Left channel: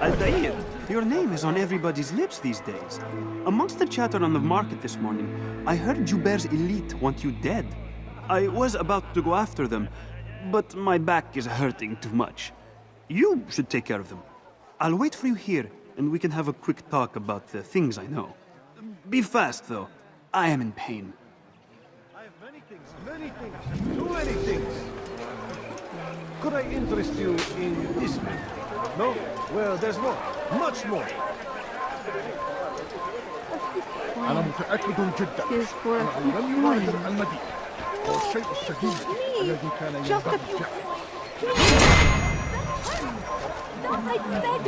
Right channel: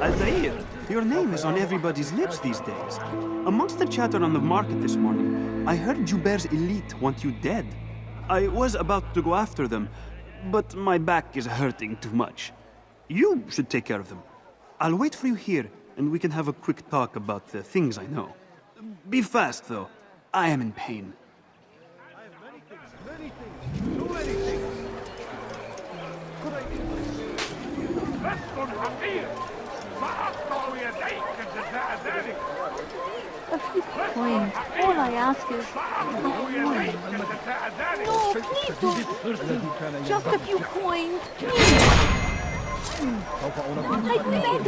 Altair, your name is on everybody's lips these days. Amongst the chatter on the market this morning, I heard Jubair's elite want you dead. I was about to go after them, but my back is hurting too much. You should take care of them. I'll wait for you here, and we can have a quick talk about the things I know. Be fast, though. I am in pain. I have many things, too many things. Could I interest you in this matter? No? Well, there's more, much more. A few coins. All I ask is for a few coins. No, please don't leave. A few coins, please. Don't take leave.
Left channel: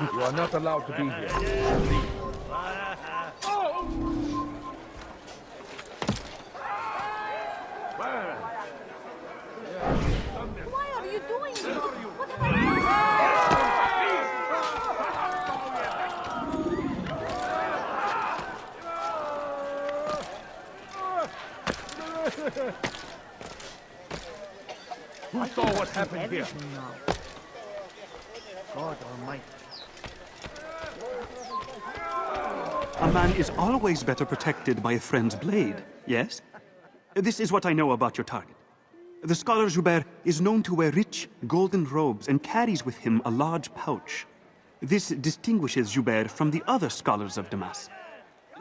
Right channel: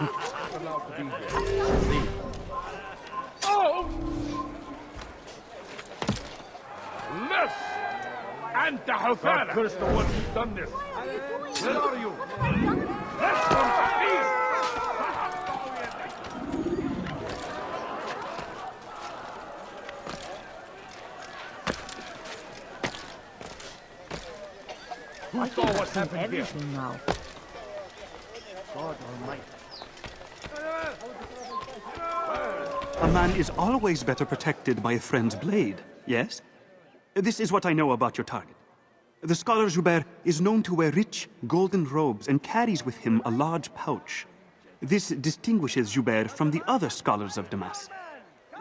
You are not allowed to be here. Leave. أنت حكالة. I think I've seen everything now. A man is always better protected by a friend's blade, yes? This is what I know about your target. The scholar Jubair is known to wear rich, golden robes and carries with him a large pouch. This distinguishes Jubair from the other scholars of Damas.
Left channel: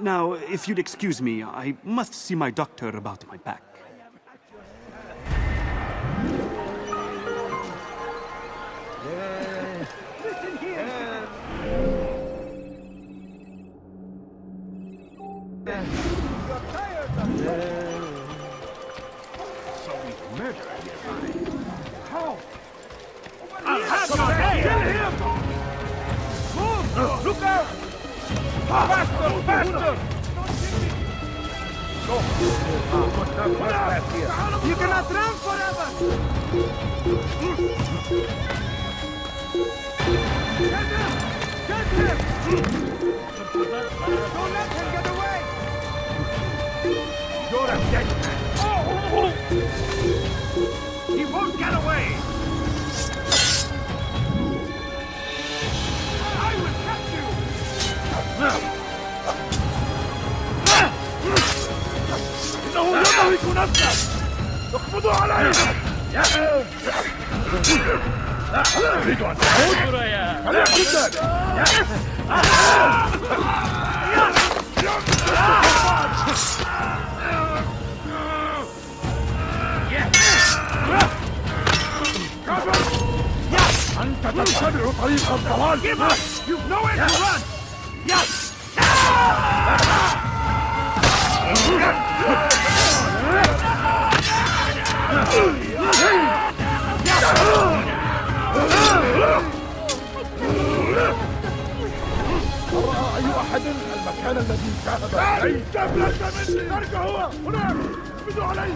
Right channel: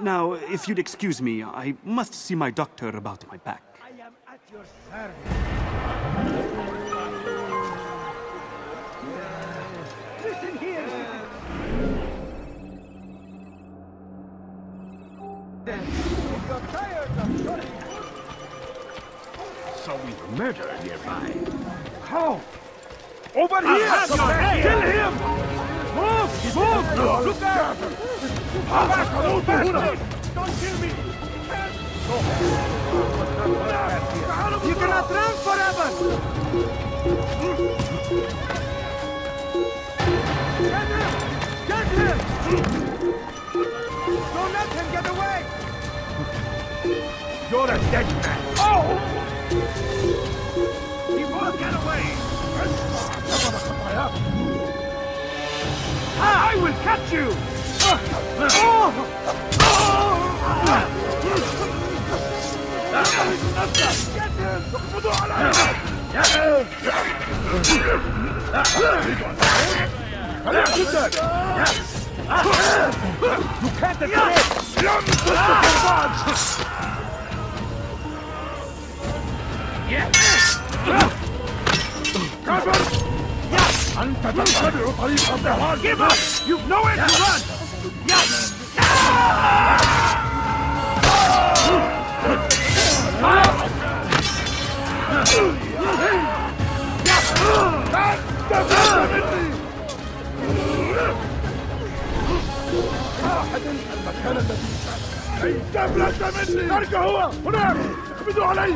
Now, if you'd excuse me, I must see my doctor about my back. I am at your service. So we murder nearby. How? Over here! Move! Move! You're a dead man! Oh! He won't get away! I will catch you! إنه يضرب نفسه! تقبض عليه! ترك هو هناك اقبضوا عليه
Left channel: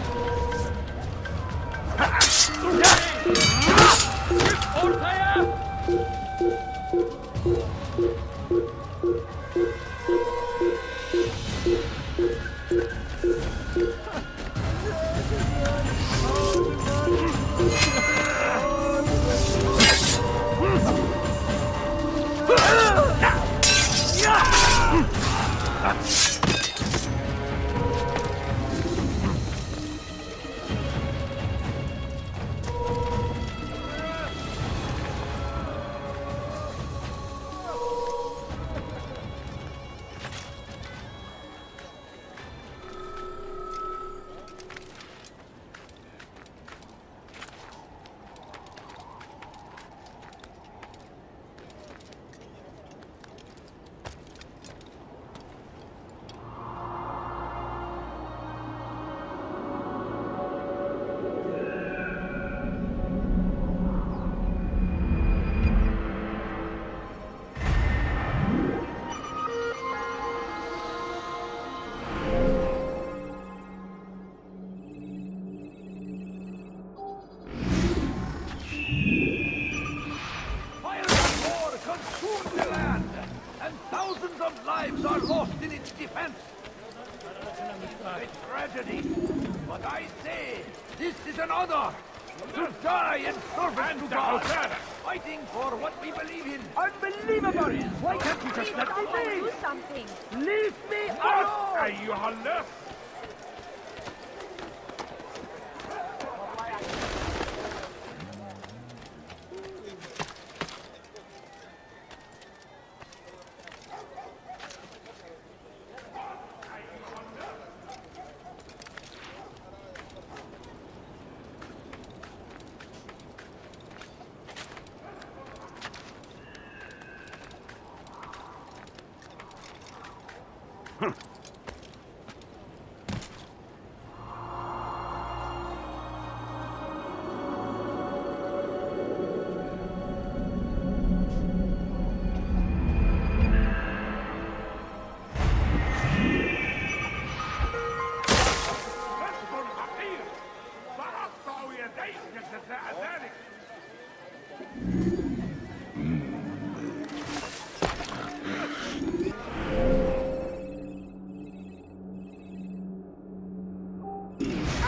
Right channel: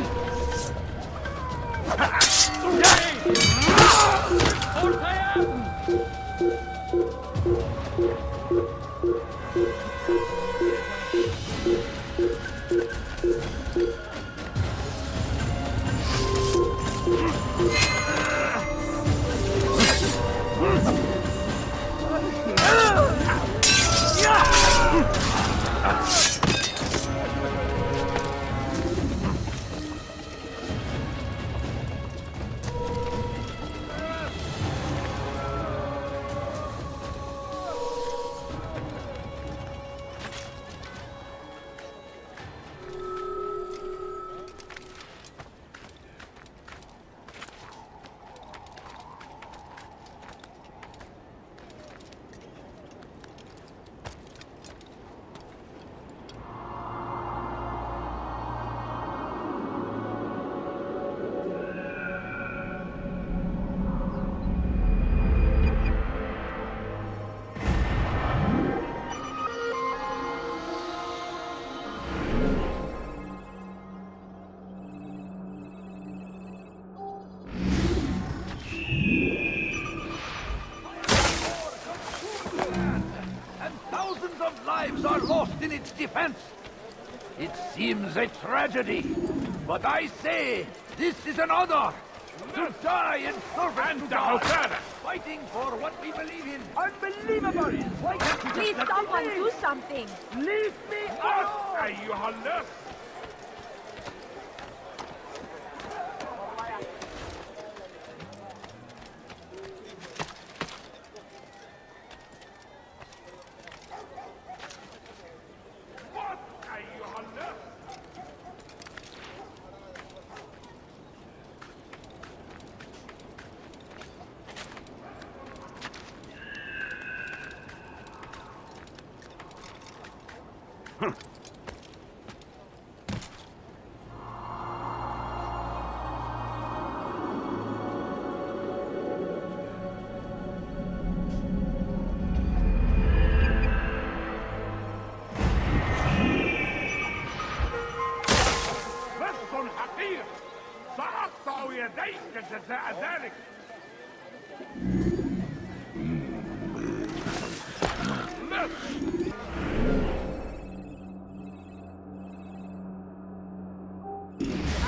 Thousands of lives are lost in its defense. It seems a tragedy, but I say this is an honor. Mercy. أنت حثالة. Please, someone do something.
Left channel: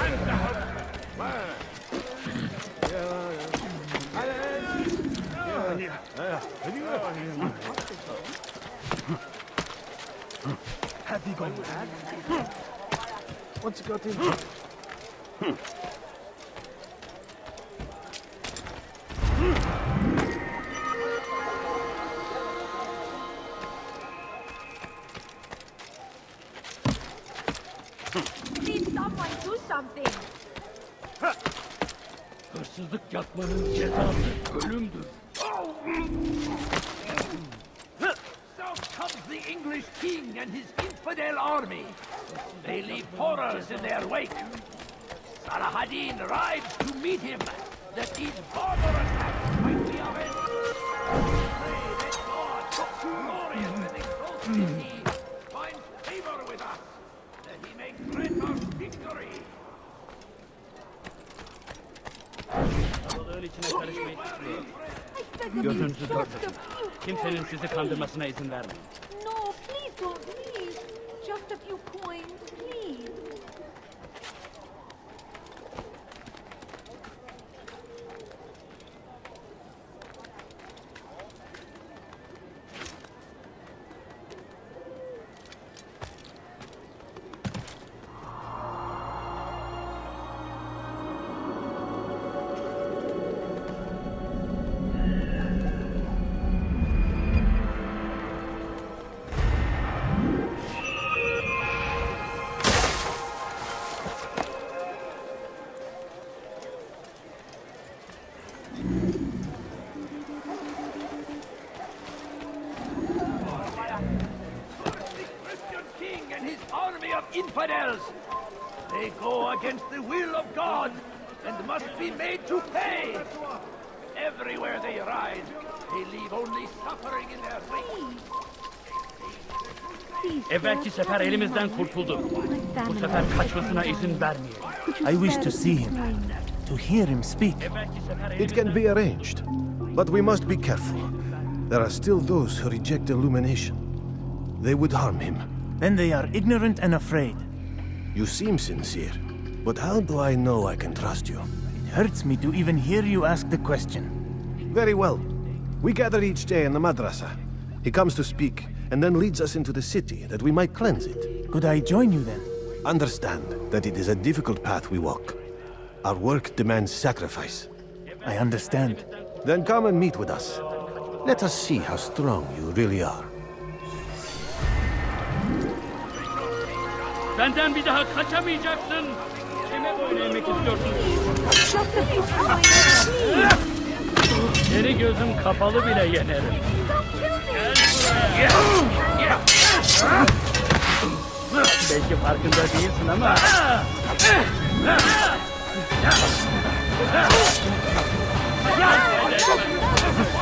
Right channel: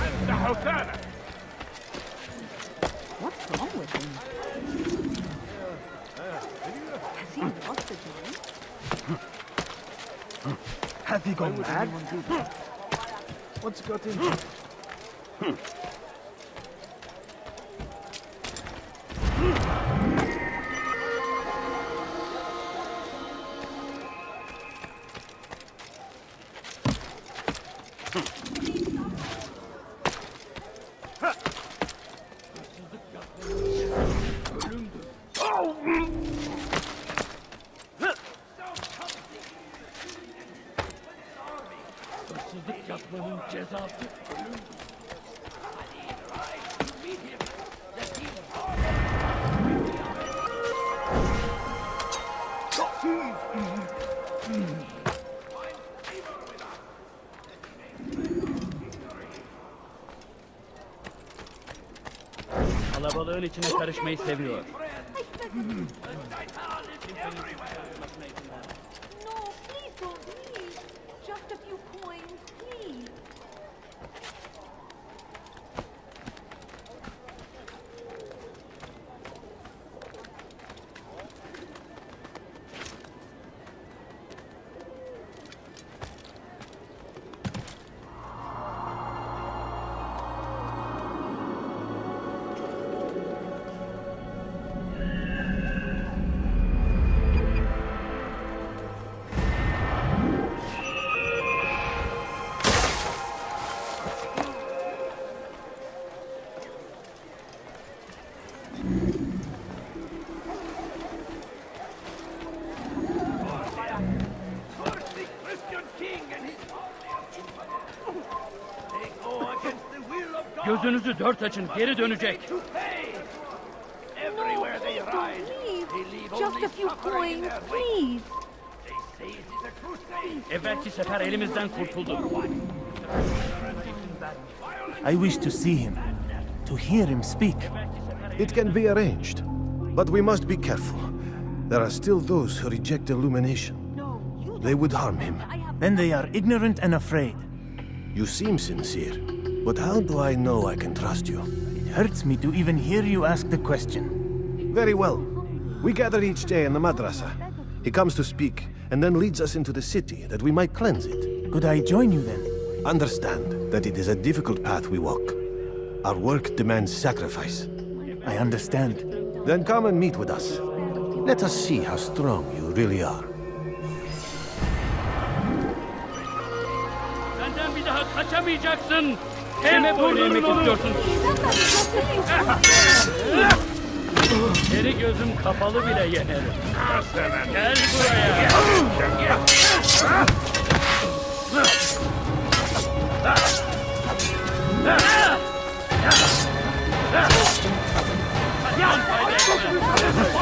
أنت حثالة. Please, someone do something. So comes the English king and his infidel army. They leave horrors in their wake. Saladin rides to meet him. Kalabalığın içine karışmayı seviyor. I beg of you, Gözünüzü Doctor, dört. please. Kimsenin sizi kandırmasına izin verme. First the Christian king and his army of infidels. They go against the will of God. Gözünüzü dört açın, geri dönecek. No, please don't leave. Just a few coins, please. Evvelki sefer elimizden kurtulduk. Bu Family. sefer kaçmasına izin vermeyin. Could you I wish spare to see him, coins? to hear him speak. It can be arranged, but we must be careful. There are still those who reject illumination. They would harm him. Then they are ignorant and afraid. You seem sincere, but how do I know I can trust you? It hurts me to even hear you ask the question. Very well. We gather each day in the madrasa. He comes to speak, and then leads us into the city that we might cleanse it. Could I join you then? Understand that it is a difficult path we walk. Our work demands sacrifice. I understand. Then come and meet with us. Let us see how strong you really are. Benden bir daha kaçamayacaksın. Hep durdurun onu. Belki farkında değilsin ama... Yan fayda etmez.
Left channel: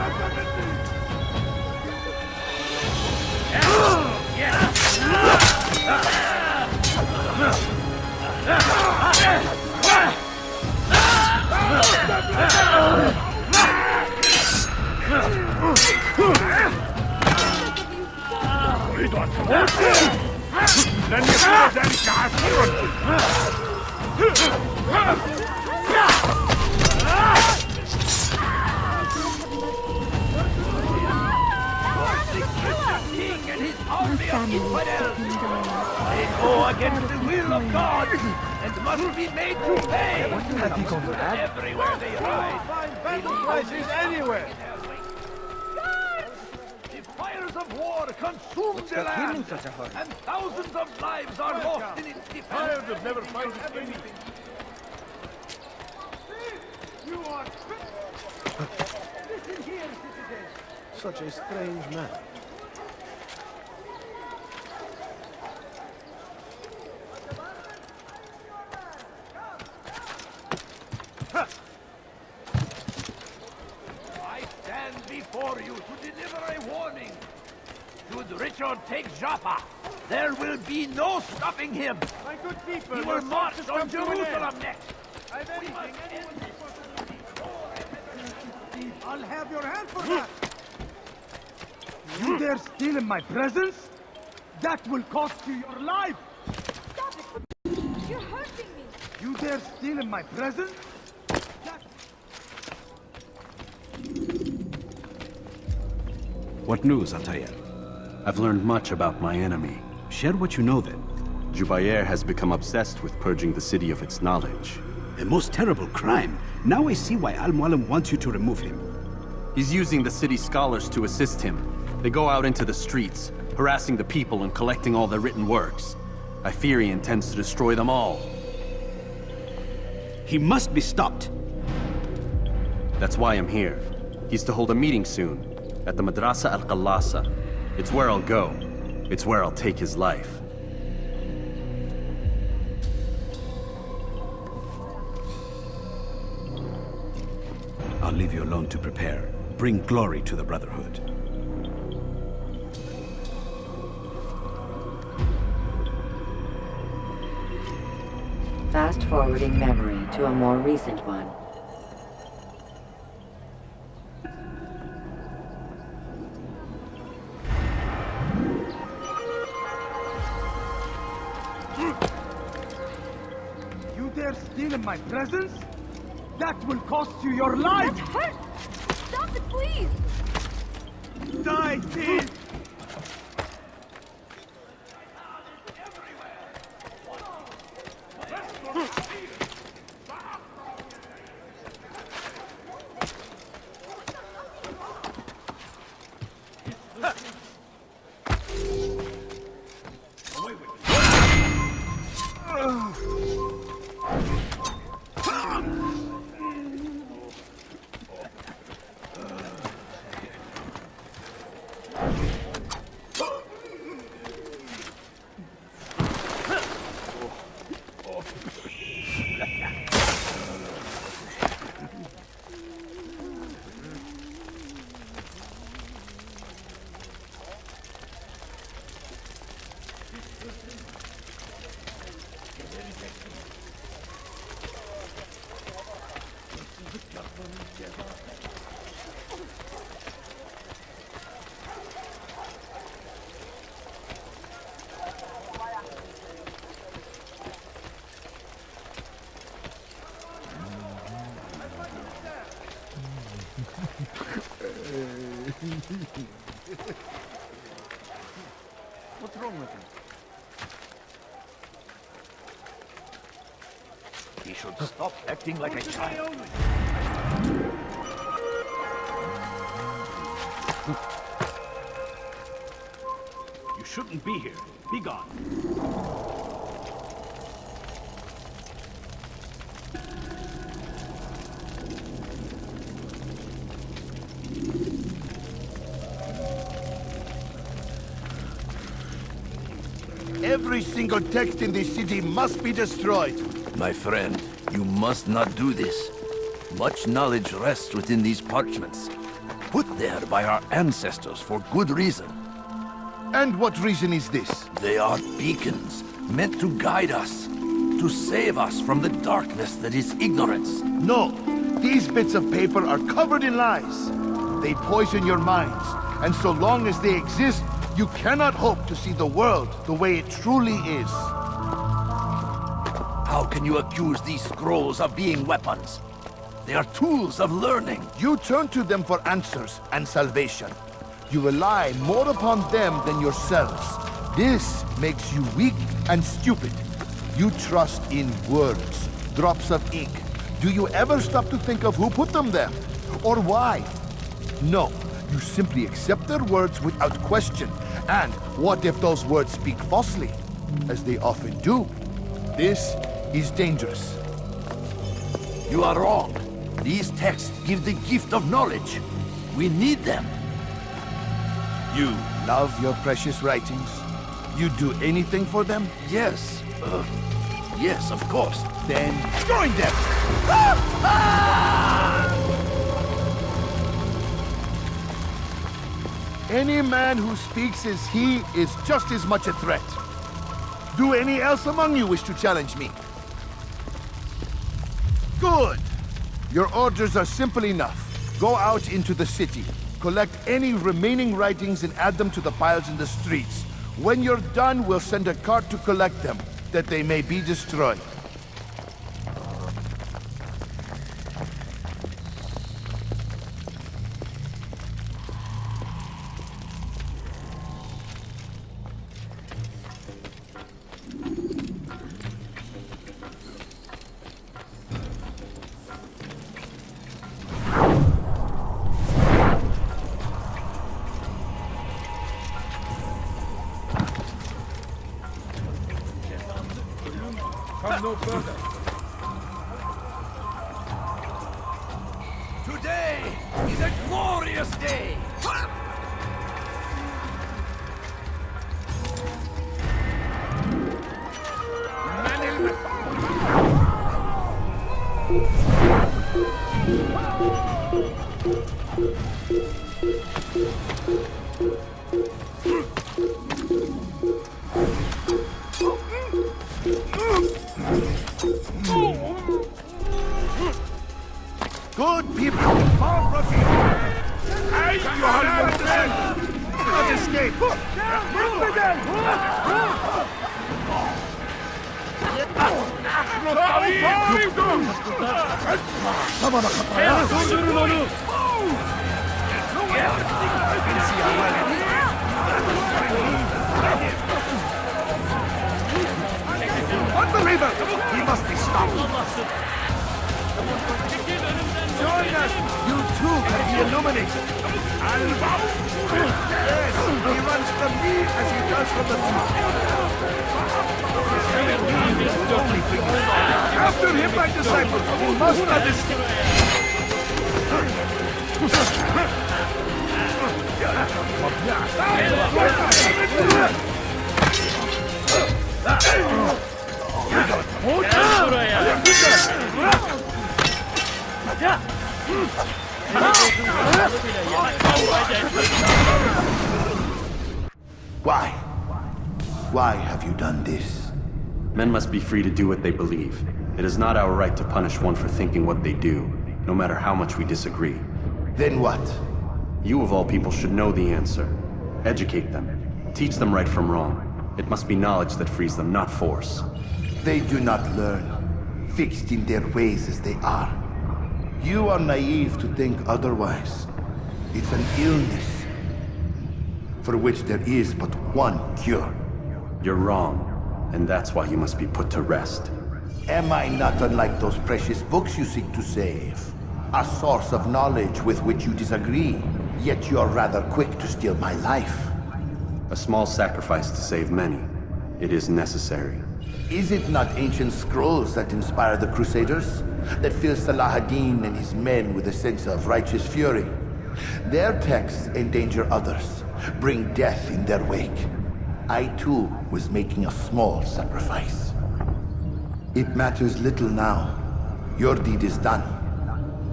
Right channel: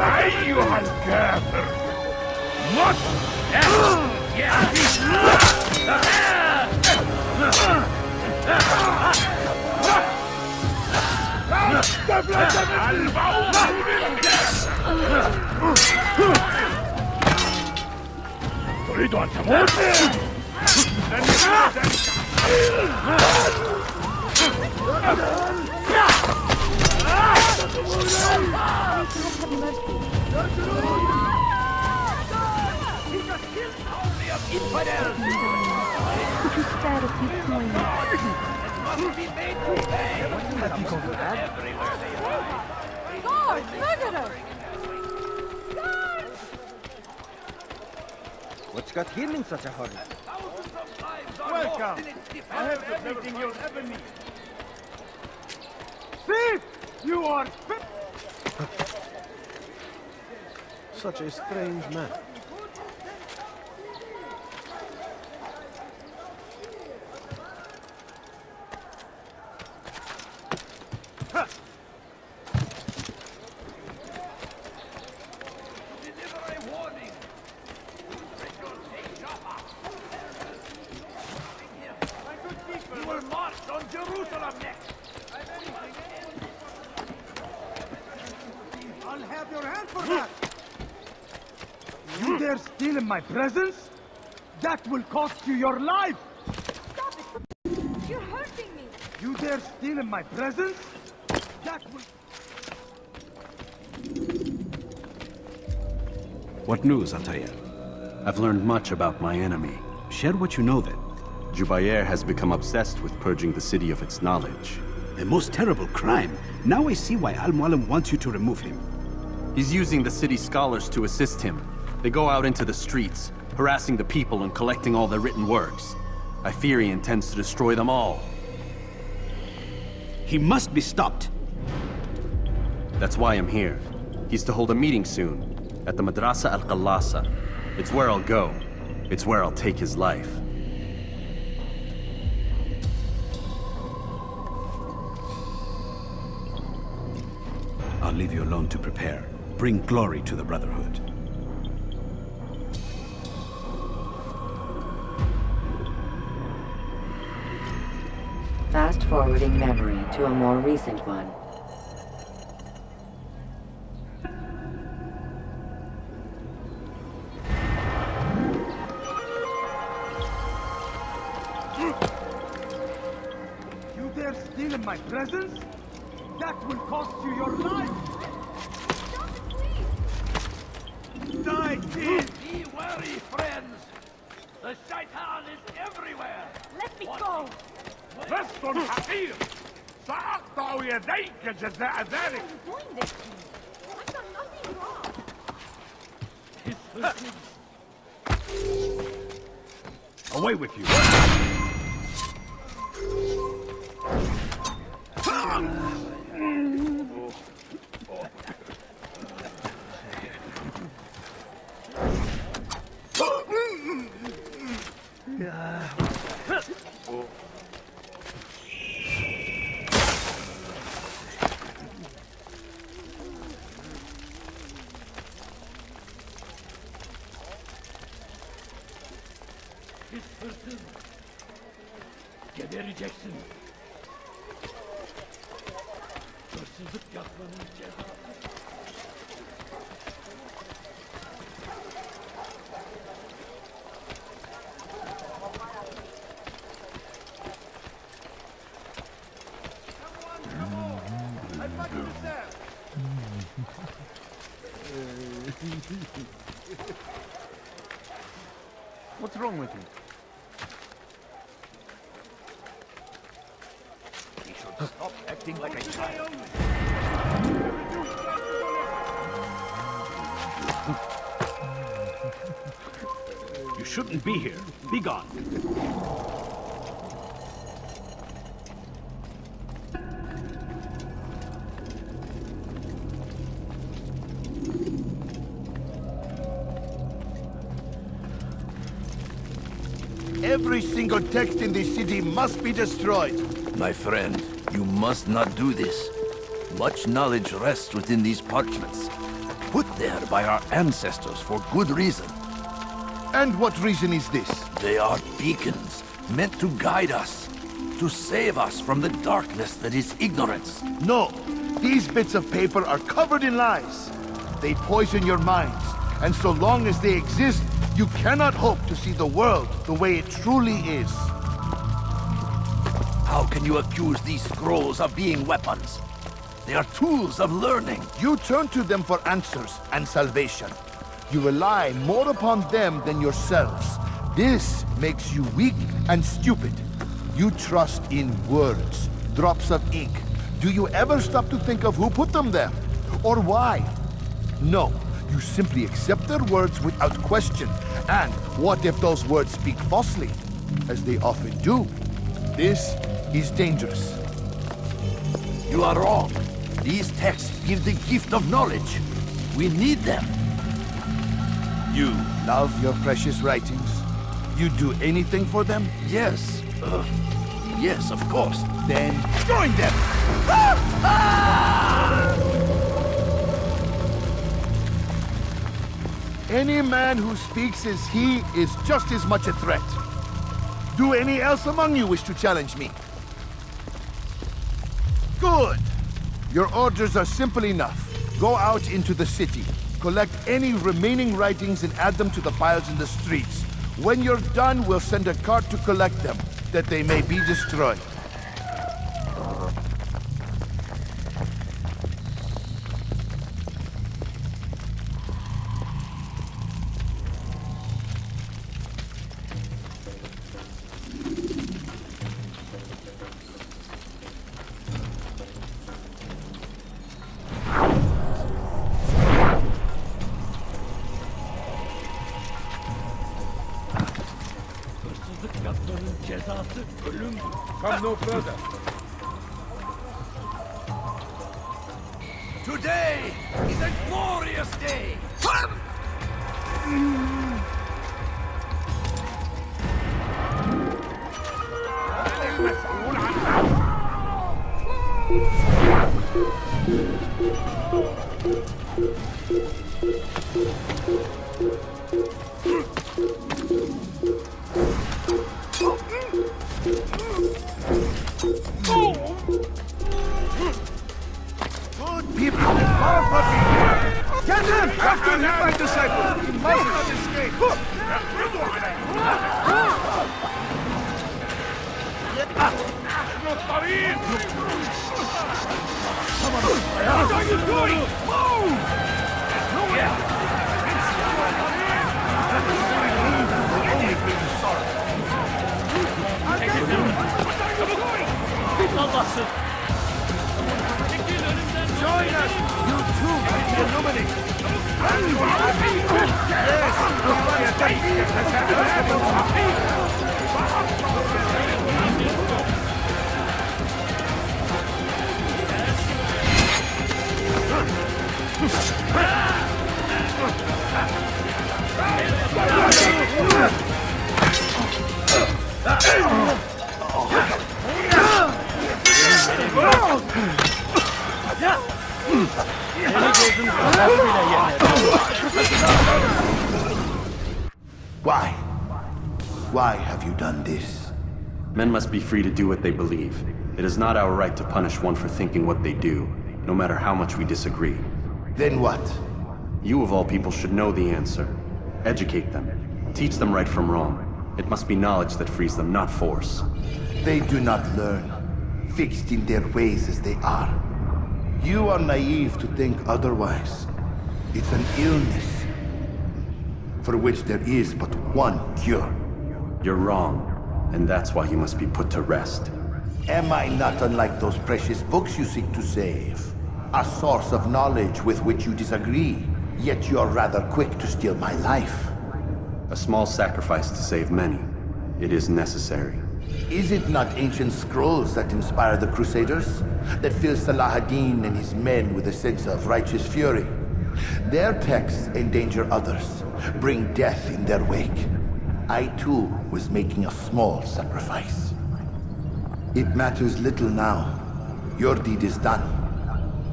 أيها الكافر. مت. Army of infidels! They go against the will of God! God save us! Find battle God, places deliver us! anywhere. The fires of war consume the land, and thousands of lives are lost. Thief! You are... Listen here, citizen. If you're tired of talking good, then Stand before you to deliver a warning. Should Richard take Joppa, there will be no stopping him. my good people, your talk has come to an end. I'll have your hand for that. You dare steal in my presence? That will cost you your life. That will... What news, Altair? I've learned much about my enemy. Share what you know then. Jubair has become obsessed with purging the city of its knowledge. A most terrible crime. Now I see why Al-Mualim wants you to remove him. He's using the city scholars to assist him. They go out into the streets, harassing the people and collecting all their written works. I fear he intends to destroy them all. He must be stopped. That's why I'm here. He's to hold a meeting soon, at the Madrasa Al-Qallasa. It's where I'll go. It's where I'll take his life. I'll leave you alone to prepare. Bring glory to the Brotherhood. Fast-forwarding memory to a more recent one. You dare steal in my presence? That will cost you your life! Hurt! Stop it, please! Be wary, friends. The shaitan is everywhere. Let me go! فاسكن حقير سأقطع يديك جزاء ذلك. Away with you. For today only. You shouldn't be here. Be gone. Every single text in this city must be destroyed. My friend, you must not do this. Much knowledge rests within these parchments, put there by our ancestors for good reason. And what reason is this? They are beacons, meant to guide us, to save us from the darkness that is ignorance. No, these bits of paper are covered in lies. They poison your minds, and so long as they exist, you cannot hope to see the world the way it truly is. How can you accuse these scrolls of being weapons? They are tools of learning. You turn to them for answers and salvation. You rely more upon them than yourselves. This makes you weak and stupid. You trust in words, drops of ink. Do you ever stop to think of who put them there? Or why? No, you simply accept their words without question. And what if those words speak falsely? As they often do. This is dangerous. You are wrong. These texts give the gift of knowledge. We need them. You love your precious writings? You'd do anything for them? Yes. Yes, of course. Then join them! Any man who speaks as he is just as much a threat. Do any else among you wish to challenge me? Good! Your orders are simple enough. Go out into the city, collect any remaining writings and add them to the piles in the streets. When you're done, we'll send a cart to collect them, that they may be destroyed. Good people, far from me! Get in! Must not escape! Come on up! You see how well it is? Pursuing me will only be unbeliever! He must be stopped! Join us! You too can be illuminated! Yes, he runs from me as he does from the truth. Pursuing me will only be after him, my disciples, who must not Why? Why have you done this? Men must be free to do what they believe. It is not our right to punish one for thinking what they do, no matter how much we disagree. Then what? You of all people should know the answer. Educate them. Teach them right from wrong. It must be knowledge that frees them, not force. They do not learn, fixed in their ways as they are. You are naive to think otherwise. It's an illness, for which there is but one cure. You're wrong, and that's why you must be put to rest. Am I not unlike those precious books you seek to save? A source of knowledge with which you disagree, yet you are rather quick to steal my life. A small sacrifice to save many. It is necessary. Is it not ancient scrolls that inspire the Crusaders? That fill Salah ad-Din and his men with a sense of righteous fury? Their texts endanger others, bring death in their wake. I too was making a small sacrifice. It matters little now. Your deed is done,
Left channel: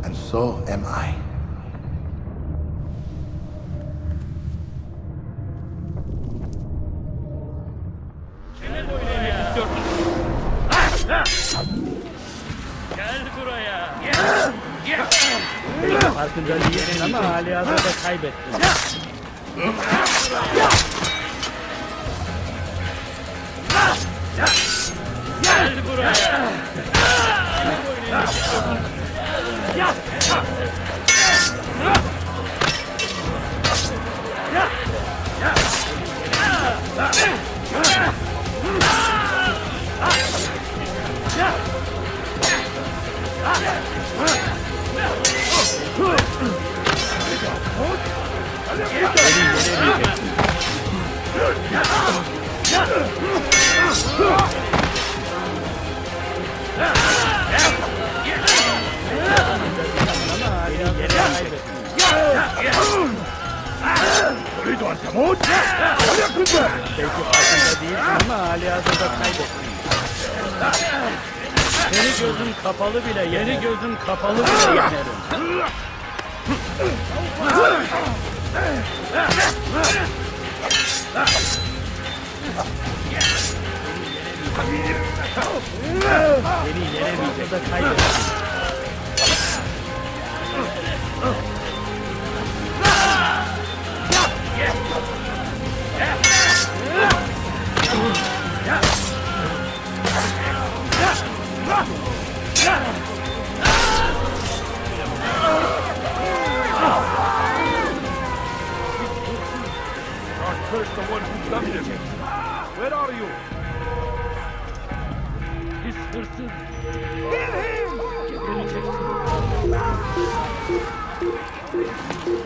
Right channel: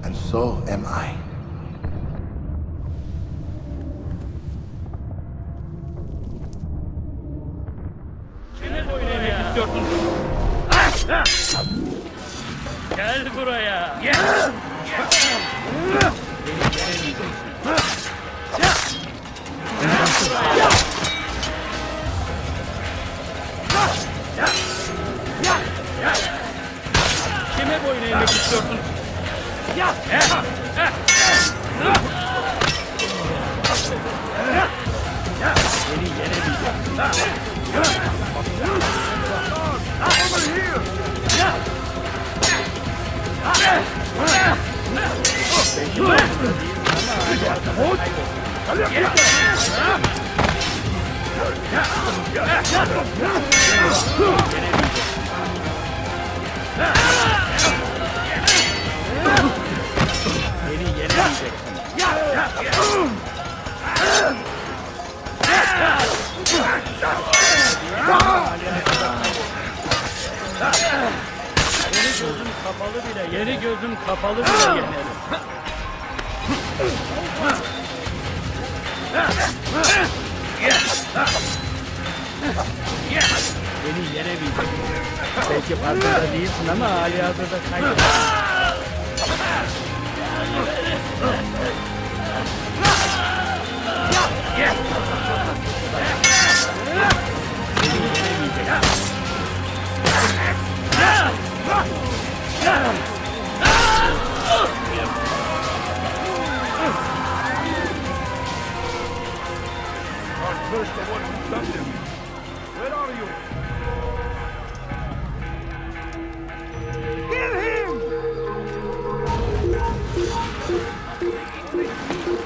and so am I.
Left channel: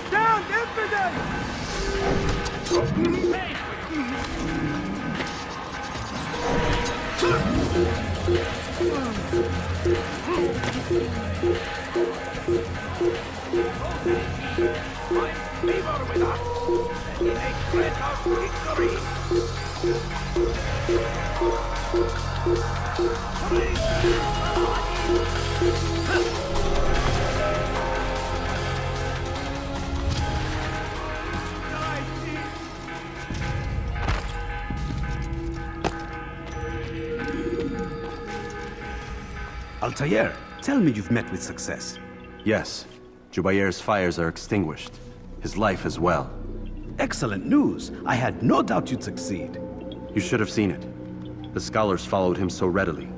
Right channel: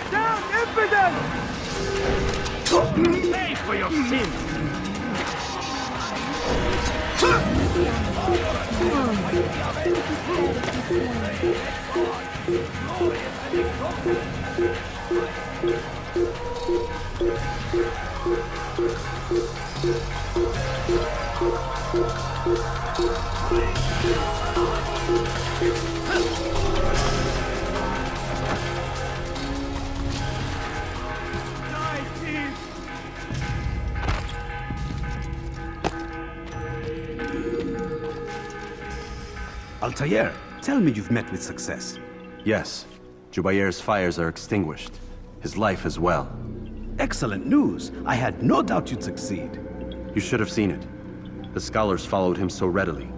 Down, infidel! Pay for your sins! Altair, tell me you've met with success. Yes. Jubair's fires are extinguished. His life as well. Excellent news. I had no doubt you'd succeed. You should have seen it. The scholars followed him so readily.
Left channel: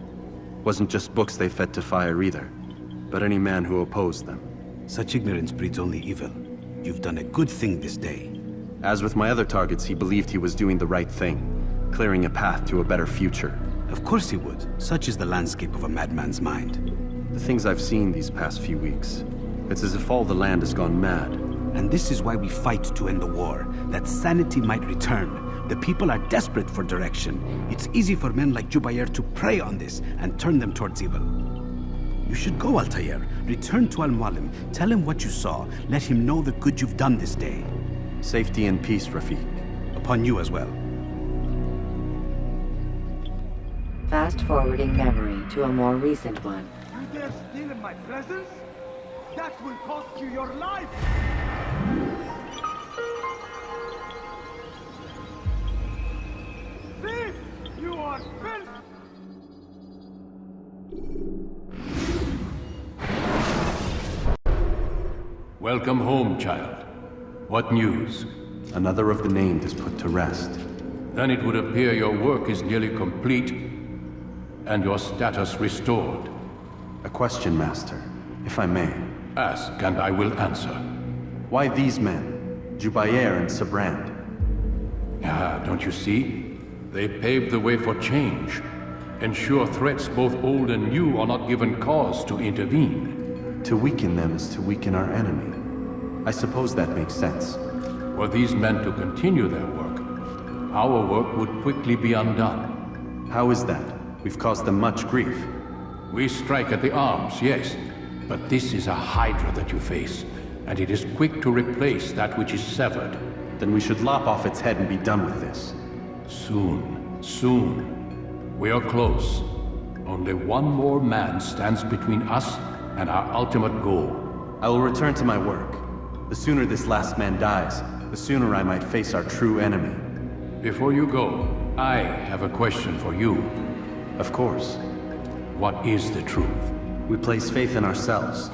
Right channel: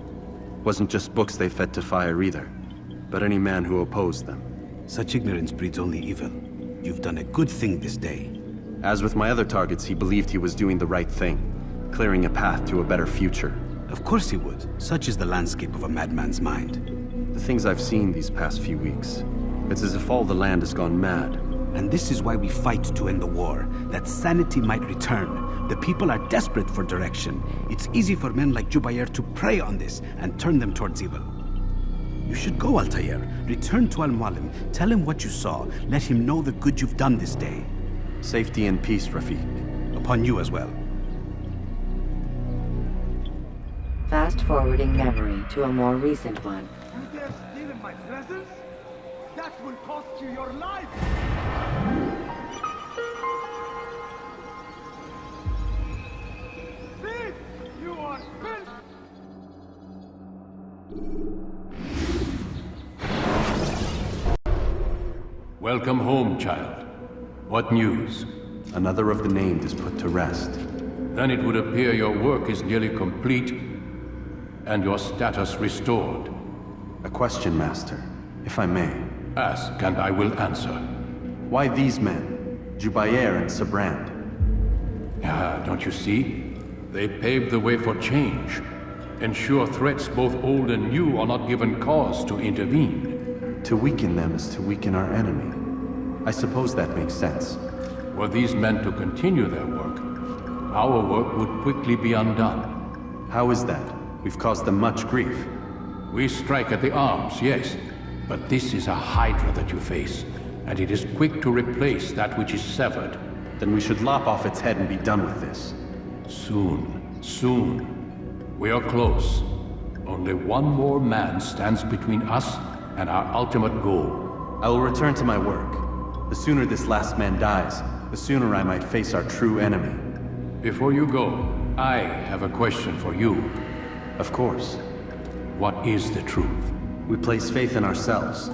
Wasn't just books they fed to fire either, but any man who opposed them. Such ignorance breeds only evil. You've done a good thing this day. As with my other targets, he believed he was doing the right thing, clearing a path to a better future. Of course he would. Such is the landscape of a madman's mind. The things I've seen these past few weeks, it's as if all the land has gone mad. And this is why we fight to end the war, that sanity might return. The people are desperate for direction. It's easy for men like Jubair to prey on this and turn them towards evil. You should go, Altair. Return to Al-Mualim. Tell him what you saw. Let him know the good you've done this day. Safety and peace, Rafiq. Upon you as well. Fast-forwarding memory to a more recent one. Welcome home, child. What news? Another of the named is put to rest. Then it would appear your work is nearly complete and your status restored. A question, Master, if I may. Ask, and I will answer. Why these men? Jubair and Sabrand? Ah, don't you see? They paved the way for change. Ensure threats both old and new are not given cause to intervene. To weaken them is to weaken our enemy. I suppose that makes sense. Were these men to continue their work, our work would quickly be undone. How is that? We've caused them much grief. We strike at the arms, yes. But this is a hydra that you face, and it is quick to replace that which is severed. Then we should lop off its head and be done with this. Soon, soon. We are close. Only one more man stands between us and our ultimate goal. I will return to my work. The sooner this last man dies, the sooner I might face our true enemy. Before you go, I have a question for you. Of course. What is the truth? We place faith in ourselves.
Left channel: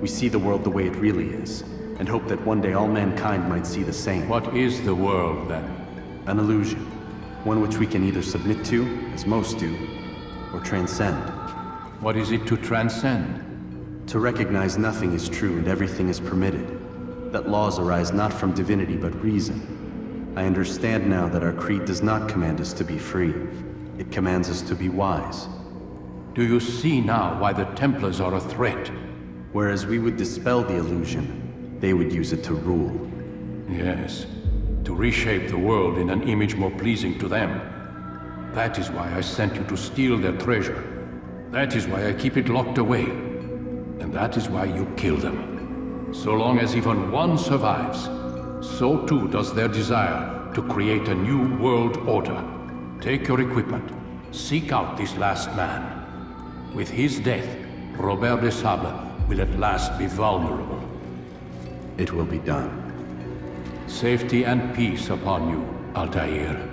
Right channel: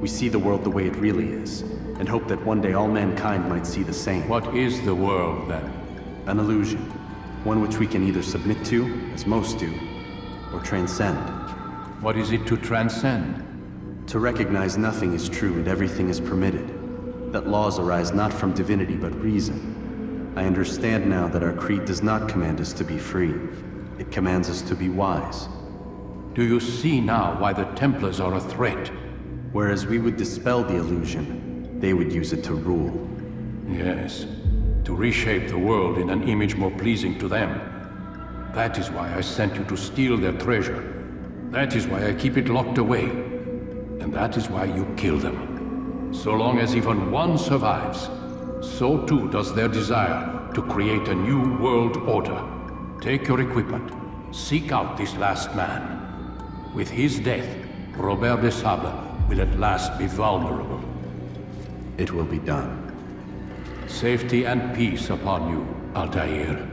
We see the world the way it really is, and hope that one day all mankind might see the same. What is the world, then? An illusion. One which we can either submit to, as most do, or transcend. What is it to transcend? To recognize nothing is true and everything is permitted. That laws arise not from divinity but reason. I understand now that our creed does not command us to be free. It commands us to be wise. Do you see now why the Templars are a threat? Whereas we would dispel the illusion, they would use it to rule. Yes, to reshape the world in an image more pleasing to them. That is why I sent you to steal their treasure. That is why I keep it locked away. And that is why you kill them. So long as even one survives, so too does their desire to create a new world order. Take your equipment. Seek out this last man. With his death, Robert de Sable will at last be vulnerable. It will be done. Safety and peace upon you, Altair.